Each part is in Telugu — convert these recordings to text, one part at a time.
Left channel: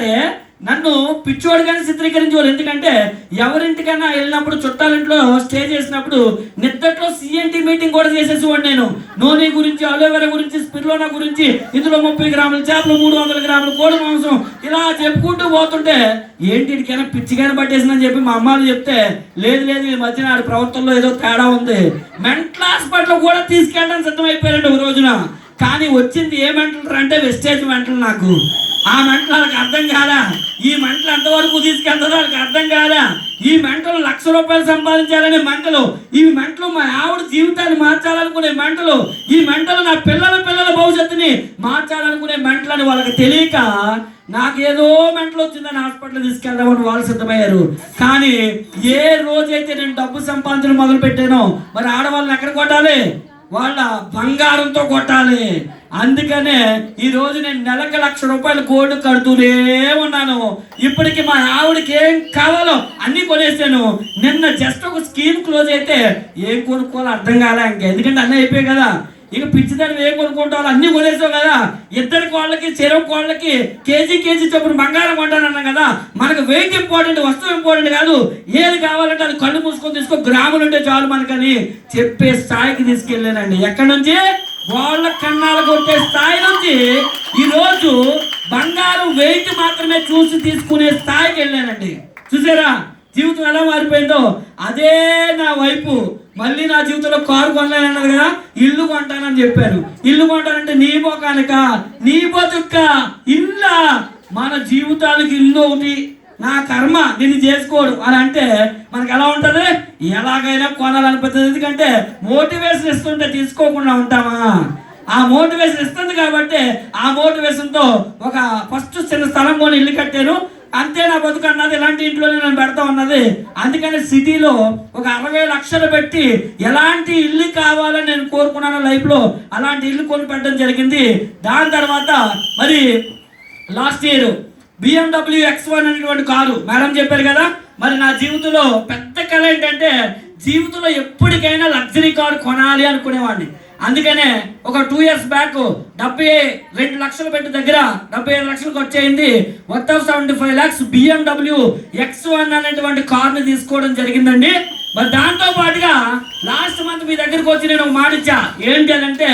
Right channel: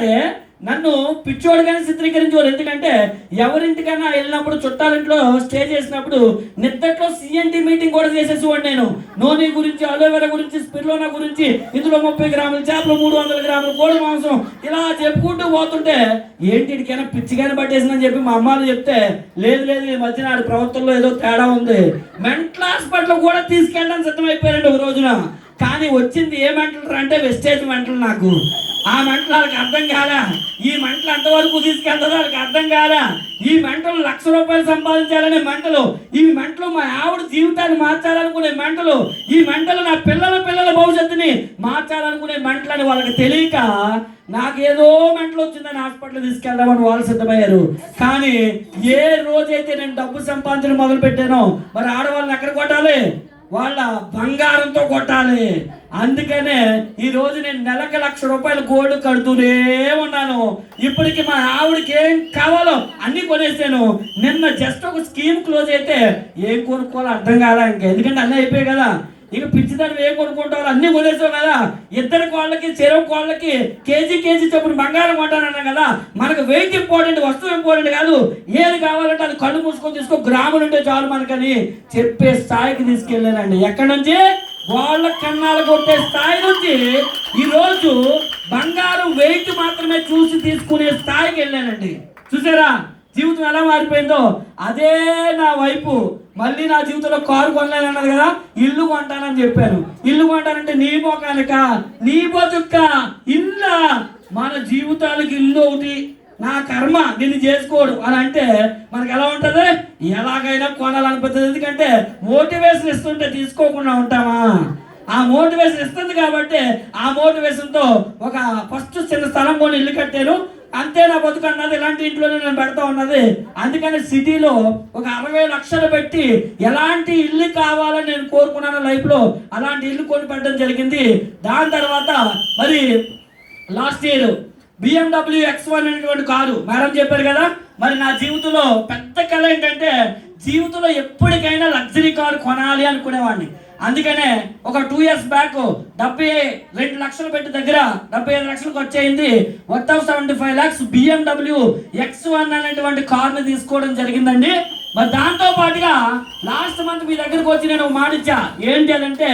సరే నన్ను పిచ్చోడుగానే చిత్రీకరించేవారు. ఎందుకంటే ఎవరింటికైనా వెళ్ళినప్పుడు చుట్టాలింట్లో స్టే చేసినప్పుడు నిద్దట్లో సిఎన్టీ మీటింగ్ కూడా చేసేసేవాడు. నేను నూనె గురించి, అలోవెరా గురించి, స్పిర్లోనా గురించి, ఇందులో 30 గ్రాముల చేపలు, 300 గ్రాముల కోడి మాంసం, ఇలా చెప్పుకుంటూ పోతుంటే ఏంటి ఇటుకైనా పిచ్చిగానే పట్టేసిందని చెప్పి మా అమ్మాలు చెప్తే, లేదు లేదు ఈ మధ్యన ఆడి ప్రవర్తనలో ఏదో తేడా ఉంది, మెంటల్ హాస్పిటల్ కూడా తీసుకెళ్ళడానికి సిద్ధమైపోయారండి ఒక రోజున. కానీ వచ్చింది ఏ మెంటల్ అంటే వెస్టేజ్ మెంటల్. నాకు ఆ మెంటల్ వాళ్ళకి అర్థం కాదా, ఈ మెంటల్ ఎంతవరకు తీసుకెళ్తారో వాళ్ళకి అర్థం కాదా. ఈ మెంటలు ₹1,00,000 సంపాదించాలనే మెంటలు, ఈ మెంటలు మా ఆవిడ జీవితాన్ని మార్చాలనుకునే మెంటలు, ఈ మెంటలు నా పిల్లల భవిష్యత్తుని మార్చాలనుకునే మెంటలు అని వాళ్ళకి తెలియక నాకేదో మెంటలు వచ్చిందని హాస్పిటల్ తీసుకెళ్దామని వాళ్ళు సిద్ధమయ్యారు. కానీ ఏ రోజైతే నేను డబ్బు సంపాదించడం మొదలు పెట్టానో మరి ఆడవాళ్ళని ఎక్కడ కొట్టాలి, వాళ్ళ బంగారంతో కొట్టాలి. అందుకనే ఈ రోజు నేను నెలకు ₹1,00,000 గోల్డ్ కడుతూనే ఉన్నాను. ఇప్పటికి మా ఆవిడకి ఏం కావాలో అన్ని కొనేసాను. నిన్న జస్ట్ ఒక స్కీమ్ క్లోజ్ అయితే ఏం కొనుక్కోవాలో అర్థం కాలే ఇంకా, ఎందుకంటే అన్నీ అయిపోయాయి కదా. ఇక పిచ్చిదాన్ని ఏం కొనుక్కుంటావు, అన్నీ కొనేసావు కదా. ఇద్దరి కోళ్ళకి చెరువు కోళ్ళకి కేజీ చొప్పున బంగారం కొంటానన్నా కదా. మనకు వెయిట్ ఇంపార్టెంట్, వస్తువు ఇంపార్టెంట్ కాదు. ఏది కావాలంటే అది కళ్ళు మూసుకొని తీసుకో, గ్రాములు ఉంటే చాలు మనకని చెప్పే స్థాయికి తీసుకెళ్ళానండి. ఎక్కడి నుంచి? వాళ్ళ కన్నాలు కొట్టే స్థాయి నుంచి ఈరోజు బంగారం వెయిట్ మాత్రమే చూసి తీసుకునే స్థాయికి వెళ్ళానండి. చూసారా జీవితం ఎలా మారిపోయిందో? అదే నా వైపు మళ్ళీ నా జీవితంలో కారు కొనలేనన్నది కదా, ఇల్లు కొంటానని చెప్పాను. ఇల్లు కొంటానంటే నీ మొఖానిక, నీ బతుక్క ఇల్లా? మన జీవితానికి ఇల్లు ఒకటి, నా కర్మ నిన్ను చేసుకోడు అని అంటే మనకు ఎలా ఉంటుంది? ఎలాగైనా కొనాలనిపిస్తుంది. ఎందుకంటే మోటివేషన్ ఇస్తుంటే తీసుకోకుండా ఉంటామా? ఆ మోటివేషన్ ఇస్తుంది కాబట్టి ఆ మోటివేషన్తో ఒక ఫస్ట్ చిన్న స్థలం కొని ఇల్లు కట్టాను. అంతే నా బతుకు అన్నది. ఇలాంటి ఇంట్లోనే నేను పెడతా ఉన్నది. అందుకని సిటీలో ఒక 60 లక్షలు పెట్టి ఎలాంటి ఇల్లు కావాలని నేను కోరుకున్నాను లైఫ్లో, అలాంటి ఇల్లు కొని పెట్టడం జరిగింది. దాని తర్వాత మరి లాస్ట్ ఇయర్ BMW X1 అనేటువంటి కారు మేడం చెప్పారు కదా. మరి నా జీవితంలో పెద్ద కళ ఏంటంటే జీవితంలో ఎప్పటికైనా లగ్జరీ కారు కొనాలి అనుకునేవాడిని. అందుకనే ఒక 2 years బ్యాక్ 72 లక్షలు పెట్టి దగ్గర 75 లక్షలకు వచ్చేయింది. 175 lakhs BMW X1 అనేటువంటి కార్ని తీసుకోవడం జరిగిందండి. మరి దాంతో పాటుగా లాస్ట్ మంత్ మీ దగ్గరకు వచ్చి నేను మాట ఇచ్చా. ఏంటి అని అంటే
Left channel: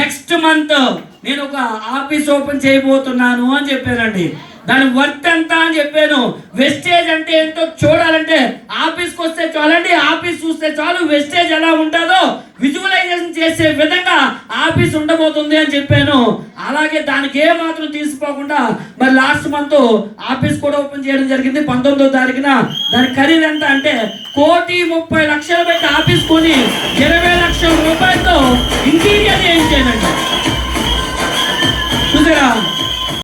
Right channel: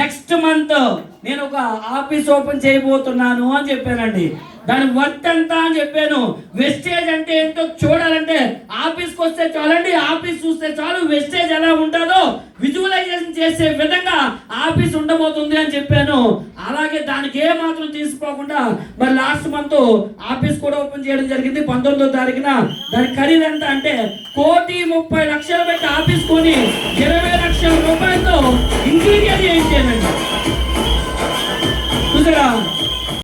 నెక్స్ట్ మంత్ నేను ఒక ఆఫీస్ ఓపెన్ చేయబోతున్నాను అని చెప్పానండి. దాని వర్త్ ఎంత అని చెప్పాను. వెస్టేజ్ అంటే ఏంటో చూడాలంటే ఆఫీస్కి వస్తే చాలండి, ఆఫీస్ చూస్తే చాలు. వెస్టేజ్ ఎలా ఉంటుందో విజువలైజేషన్ చేసే విధంగా ఆఫీస్ ఉండబోతుంది అని చెప్పాను. అలాగే దానికి ఏ మాత్రం తీసుకోకుండా మరి లాస్ట్ మంత్ ఆఫీస్ కూడా ఓపెన్ చేయడం జరిగింది. 19వ తారీఖున దాని ఖరీదు ఎంత అంటే 1,30,00,000